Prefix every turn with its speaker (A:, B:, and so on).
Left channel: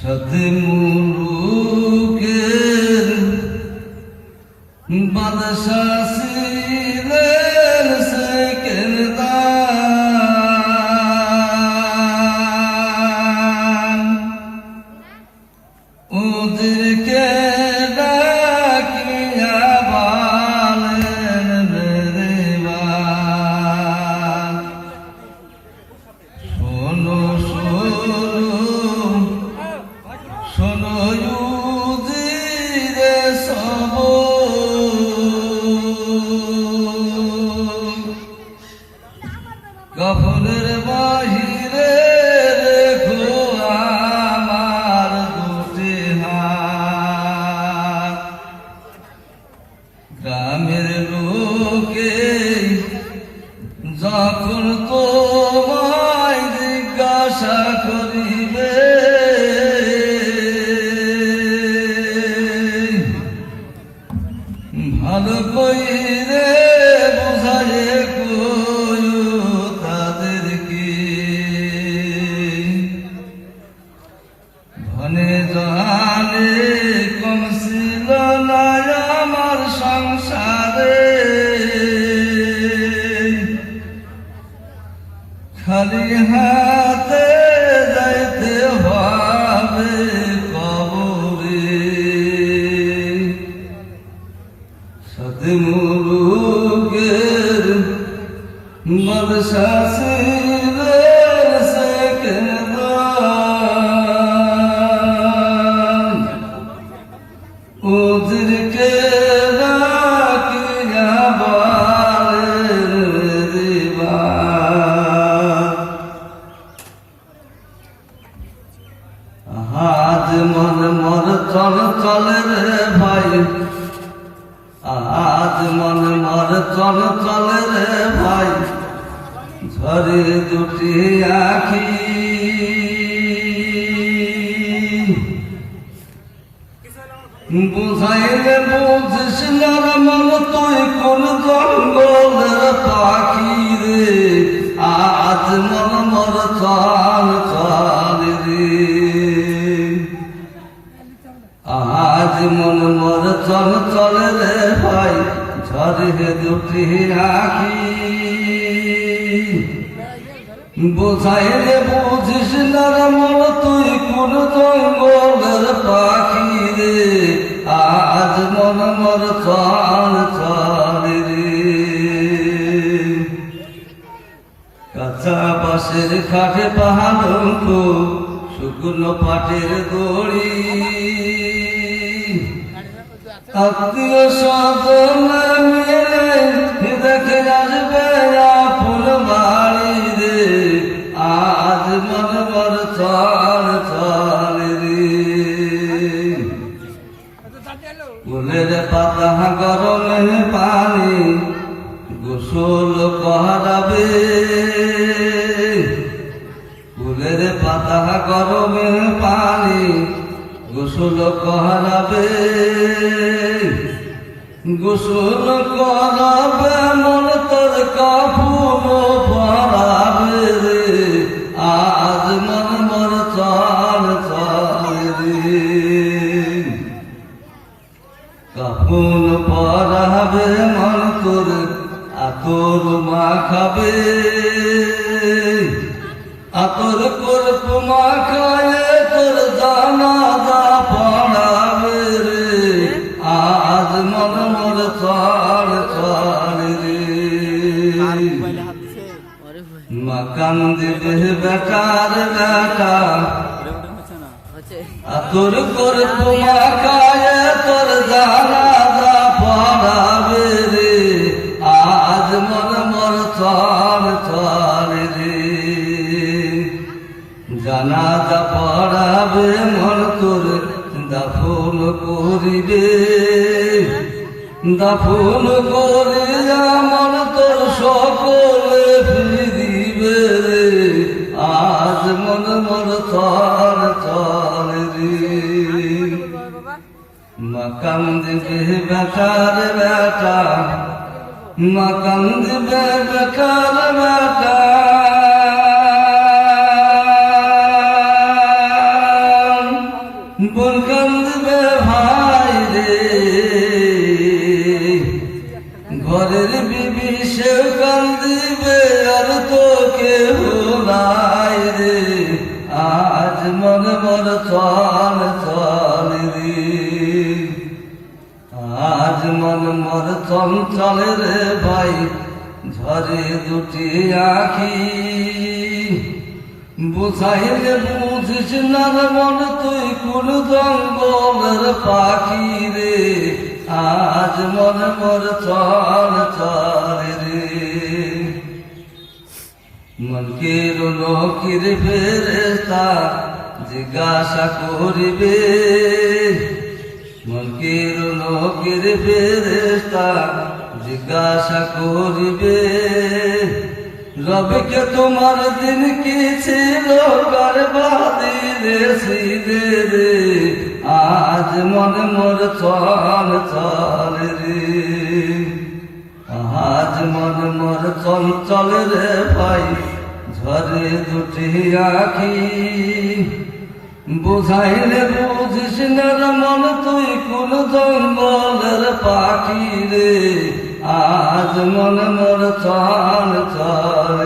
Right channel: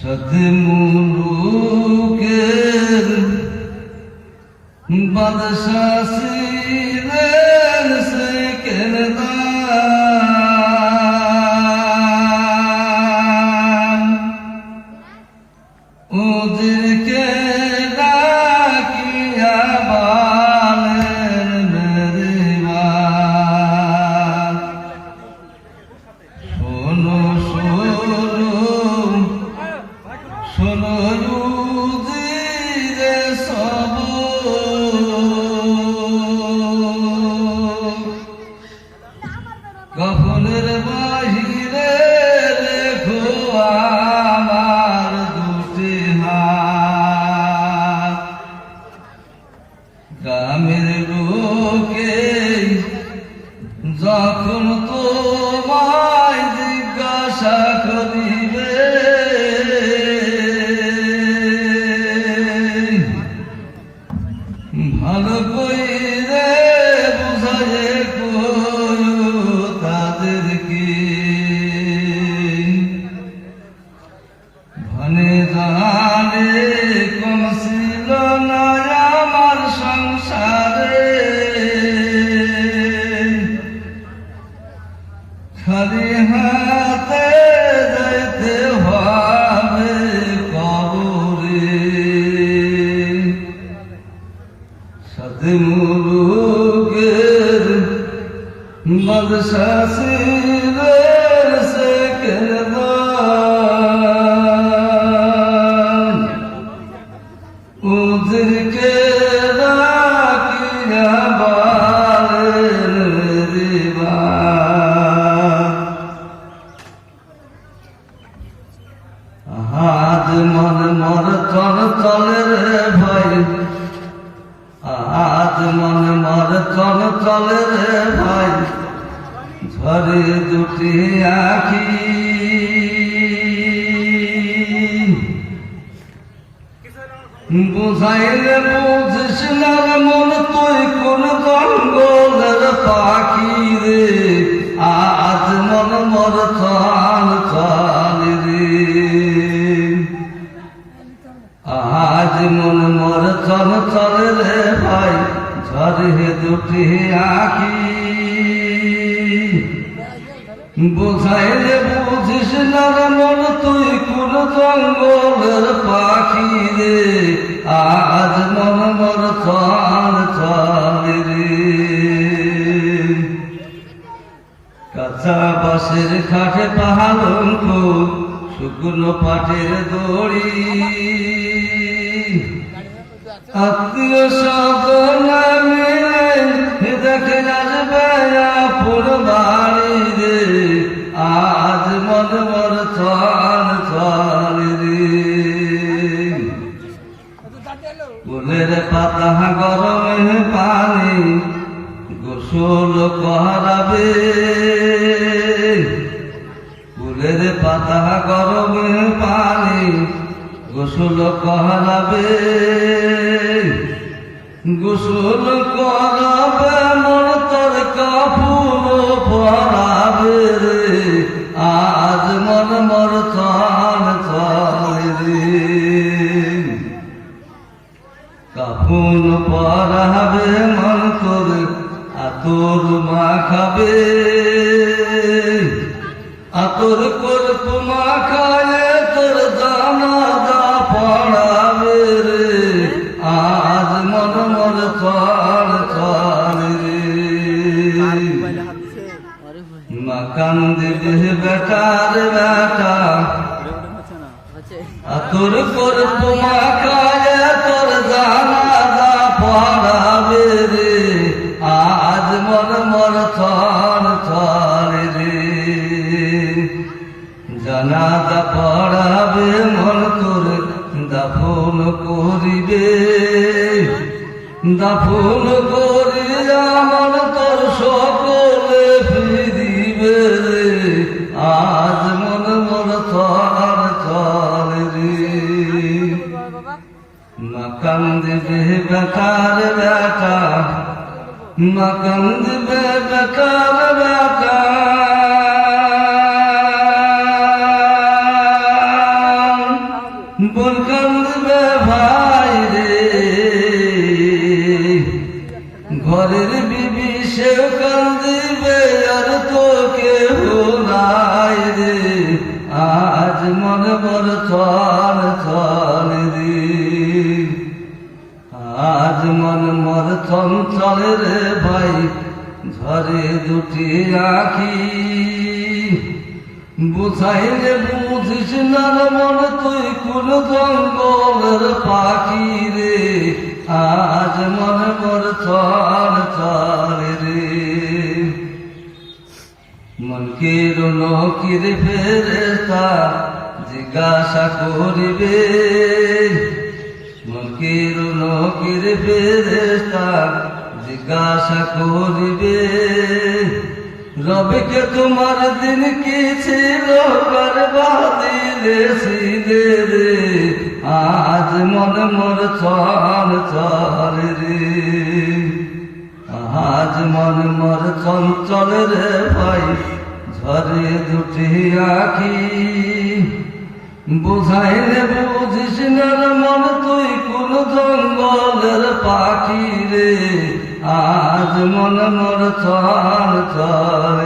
A: সদমুখের বাদশাহ গ্রামের লোকে খালি হাতে যাইতে হবে কবরে। সাথে মুরুগের বাদশাসের বুঝাইলে বুঝিস না মন তুই কোন জঙ্গলের পাখি রে? আজ মন মর চাল চাল রে। আজ মন মর চল চল রে ভাই ঝরে দুটি আখি। বুঝাইলে কাঁচা বাসের খাটে পাহাড় শুকনো পাটের দড়ি। আত্মীয় স্বজন ফুলের পাতা গরমে পানি, গোসল করাবে। গোসল করাবে মন তোর কাপুর পরাবে রে। আজ মন মর চাল চাল রে। কাপুন পরাবে, মন তোর আতর মাখাবে। আতর কর মা খালে তোর জানা দা পড়াবে রে। আজ মন মর চাল চাল রে। মাকান দিবে বেটার বেটা। আতর কর তোমা কায় জানা দা পড়াবে মন তোর দাফন করিবে। দাফন করিয়া মন তোর সকলে ফিরিবে আজ মন মন চাল চাল রে। মাকান দিবে বেকার বেটা মাকান দিবে বেকার আজ মন মর চল রে ভাই ঝরে দুটি আখি। বুঝাইলে বুঝিস না মন, তুই কোন জঙ্গলের পাখি রে। আজ মন মর চল চল রে। মনকের নকির ফেরেস্তা জিজ্ঞাসা করিবে, নকির ফেরেস্তা জিজ্ঞাসা করিবে, রবিকে তোমার দিন কি ছিল রে আজ মন মোর চল চল রে। আজ মন মর চঞ্চল রে ভাই, ঝরে দুটি আখি। বুঝাইলে বুঝিস না মন তুই কোন জঙ্গলের পাখি রে? আজ মন মর চল চল